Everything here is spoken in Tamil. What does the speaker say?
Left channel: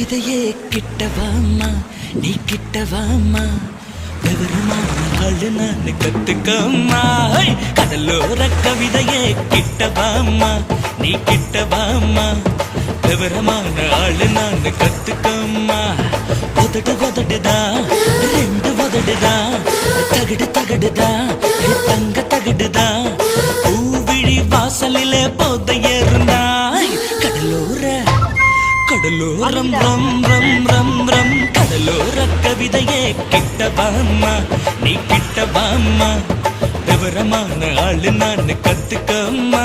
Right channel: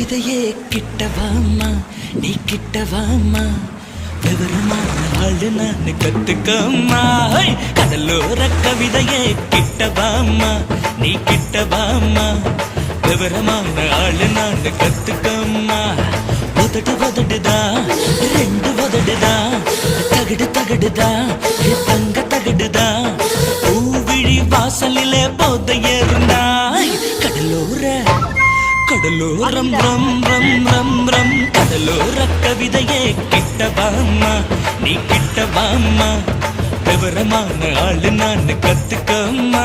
கவிதையே கிட்டவாமா நீ கிட்டவாமா விவரமான கத்துக்கம்மா கடலோர கவிதையே கிட்டவாமா நீ கிட்டவாமா விவரமான ஆளுநாண்டு கத்துக்கம்மா உதடு உதடுதா ரெண்டு உதடுதா தகடு தகடுதா தங்க தகடுதா பூவிழி வாசலிலே போதையேறுந்தா கடலோரம் ரம் ரம் ரம் ரம் கடலோர கவிதையே கிட்டவாமா நீ கிட்டவாமா விவரமான ஆளு நான் கத்துக்கம்மா